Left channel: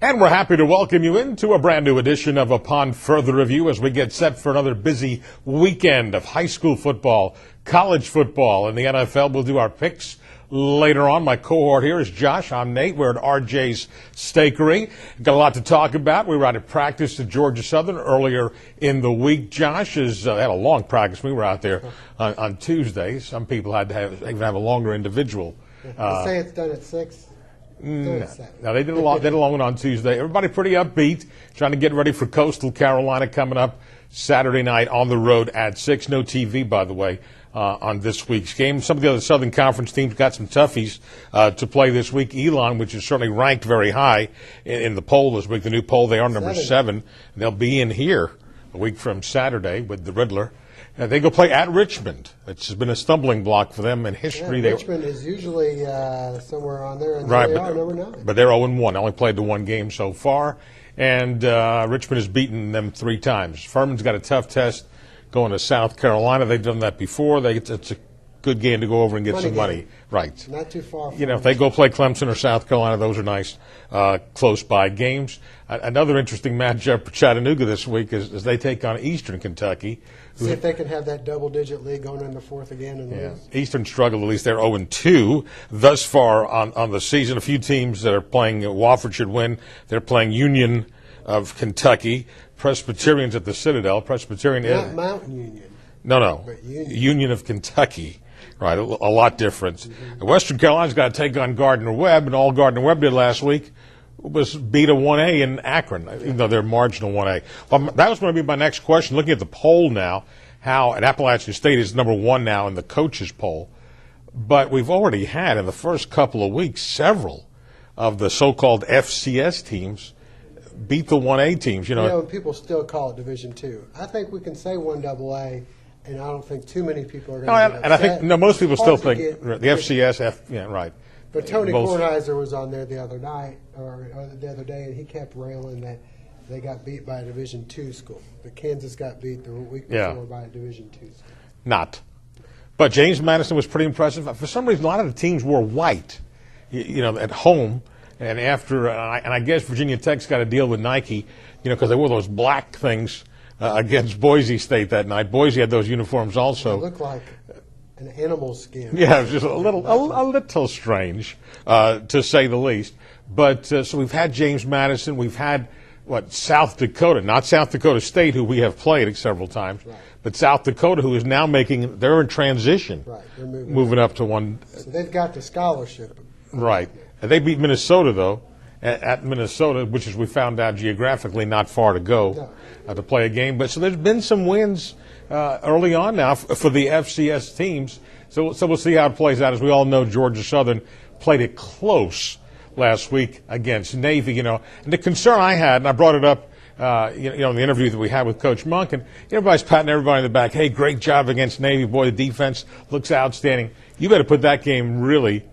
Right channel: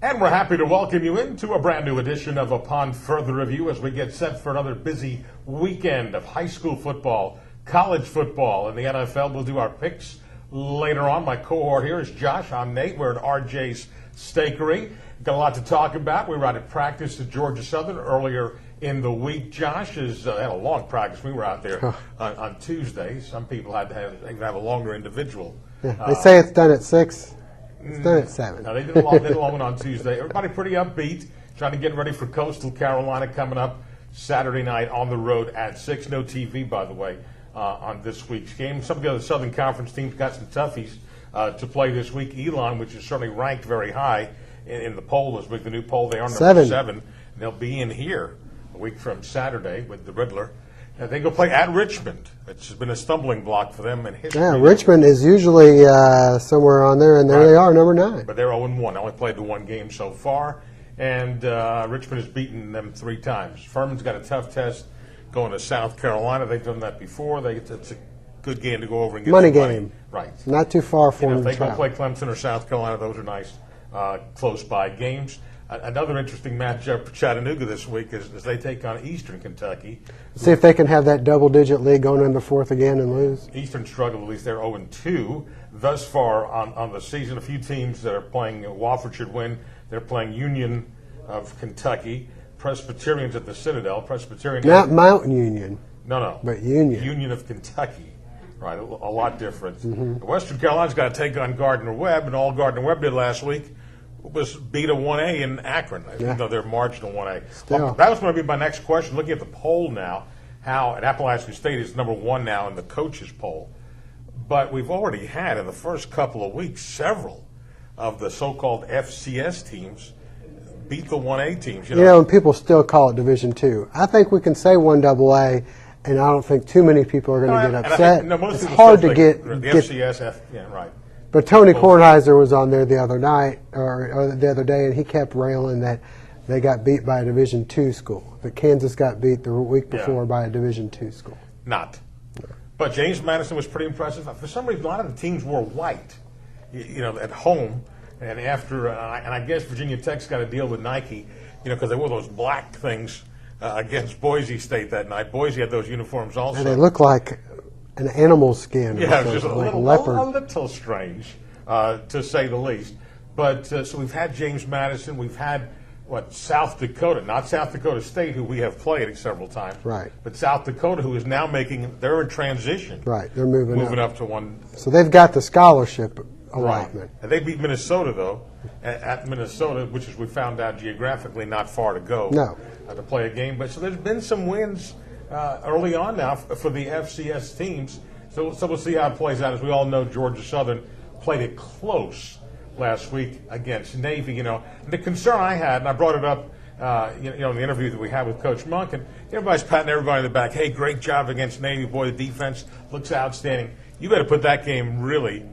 And we're happy to welcome you into a brand new edition of Upon Further Review as we get set for another busy weekend of high school football, college football, and the NFL. We'll do our picks later on. My cohort here is Josh. I'm Nate. We're at RJ's Steakery. Got a lot to talk about. We were out at practice at Georgia Southern earlier in the week. Josh had a long practice. We were out there on Tuesday. Some people had to even have a longer individual. They say it's done at 6. It's done at 7. No, they did a long one on Tuesday. Everybody pretty upbeat, trying to get ready for Coastal Carolina coming up Saturday night on the road at 6. No TV, by the way, on this week's game. Some of the other Southern Conference teams got some toughies to play this week. Elon, which is certainly ranked very high in the poll this week, the new poll, they are number 7. And they'll be in here a week from Saturday with the Riddler. They go play at Richmond. It's been a stumbling block for them in history. Yeah, Richmond is usually somewhere on there, and there they are, number 9. But they're 0-1. They only played the one game so far, and Richmond has beaten them 3 times. Furman's got a tough test going to South Carolina. They've done that before. It's a good game to go over and get some money. Right. Not too far from if they go play Clemson or South Carolina, those are nice, close-by games. Another interesting matchup for Chattanooga this week is they take on Eastern Kentucky. See if they can have that double-digit lead going into 4th again and lose. Eastern struggled. At least they're 0-2 thus far on the season. A few teams that are playing, Wofford should win. They're playing Union of Kentucky, Presbyterians at the Citadel. Presbyterian. Not Mountain Union. No. But Union. Union of Kentucky. Right, a lot different. Mm-hmm. Western Carolina's got to take on Gardner-Webb, and all Gardner-Webb did last week was beat a 1A in Akron, even though they're marginal 1A. Well, that was going to be my next question. Looking at the poll now, and Appalachian State is number 1 now in the coaches poll, but we've already had in the first couple of weeks several of the so-called FCS teams beat the 1A teams. And people still call it Division II. I think we can say 1AA, and I don't think too many people are going to get upset. And I think, most people still think the FCS, right. But Tony Kornheiser was on there the other night or the other day, and he kept railing that they got beat by a Division II school. That Kansas got beat the week before by a Division II school. Not. But James Madison was pretty impressive. For some reason, a lot of the teams wore white, at home. And after, and I guess Virginia Tech's got to deal with Nike, because they wore those black things against Boise State that night. Boise had those uniforms also. And they look like an animal skin. Yeah, just a little strange, to say the least. But so we've had James Madison. We've had, South Dakota, not South Dakota State, who we have played several times. Right. But South Dakota, who is now they're in transition. Right, they're moving up to 1. So they've got the scholarship. Right. And they beat Minnesota, though, at Minnesota, which is, we found out geographically, not far to go to play a game. But so there's been some wins early on now for the FCS teams. So we'll see how it plays out. As we all know, Georgia Southern played it close last week against Navy. And the concern I had, and I brought it up, in the interview that we had with Coach Monk, and everybody's patting everybody in the back. Hey, great job against Navy. Boy, the defense looks outstanding. You got to put that game really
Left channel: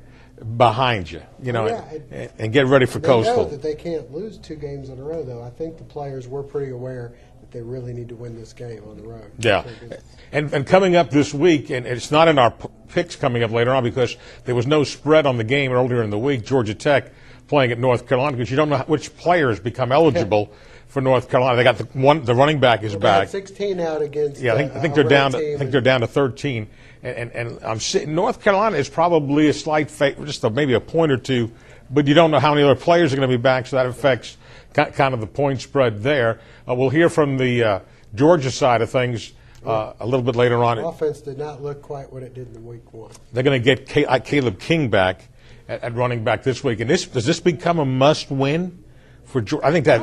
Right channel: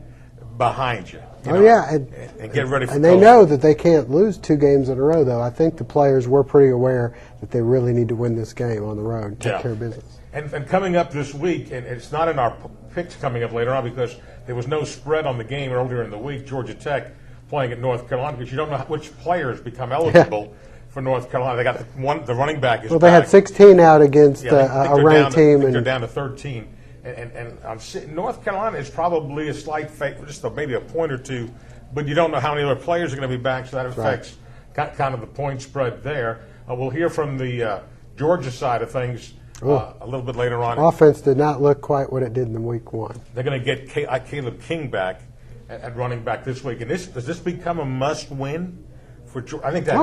behind you. And get ready for Coastal. And they know that they can't lose 2 games in a row, though. I think the players were pretty aware that they really need to win this game on the road and take care of business. And coming up this week, and it's not in our picks coming up later on because there was no spread on the game earlier in the week, Georgia Tech playing at North Carolina, because you don't know which players become eligible for North Carolina. They got the running back is back. They had 16 out against I think a ranked team. I think they're down to 13. And I'm sitting. North Carolina is probably a slight favorite, just maybe a point or 2, but you don't know how many other players are going to be back, so that affects kind of the point spread there. We'll hear from the Georgia side of things a little bit later on. Offense did not look quite what it did in week 1. They're going to get Caleb King back at running back this week, and does this become a must-win for Georgia? I think that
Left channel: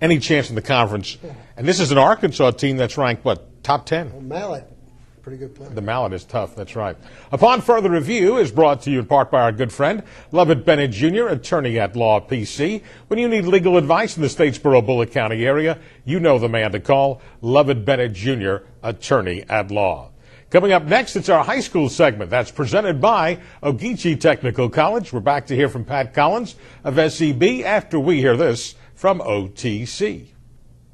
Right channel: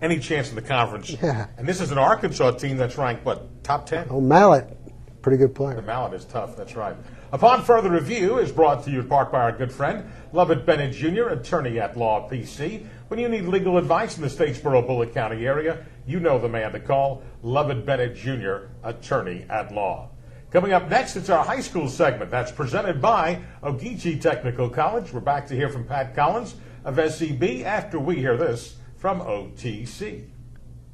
any chance in the conference. Yeah. And this is an Arkansas team that's ranked top 10. Oh, Mallet. Pretty good player. The Mallet is tough, that's right. Upon Further Review is brought to you in part by our good friend, Lovett Bennett Jr., attorney at Law PC. When you need legal advice in the Statesboro, Bullitt County area, you know the man to call, Lovett Bennett Jr., attorney at Law. Coming up next, it's our high school segment. That's presented by Ogeechee Technical College. We're back to hear from Pat Collins of SEB after we hear this from OTC.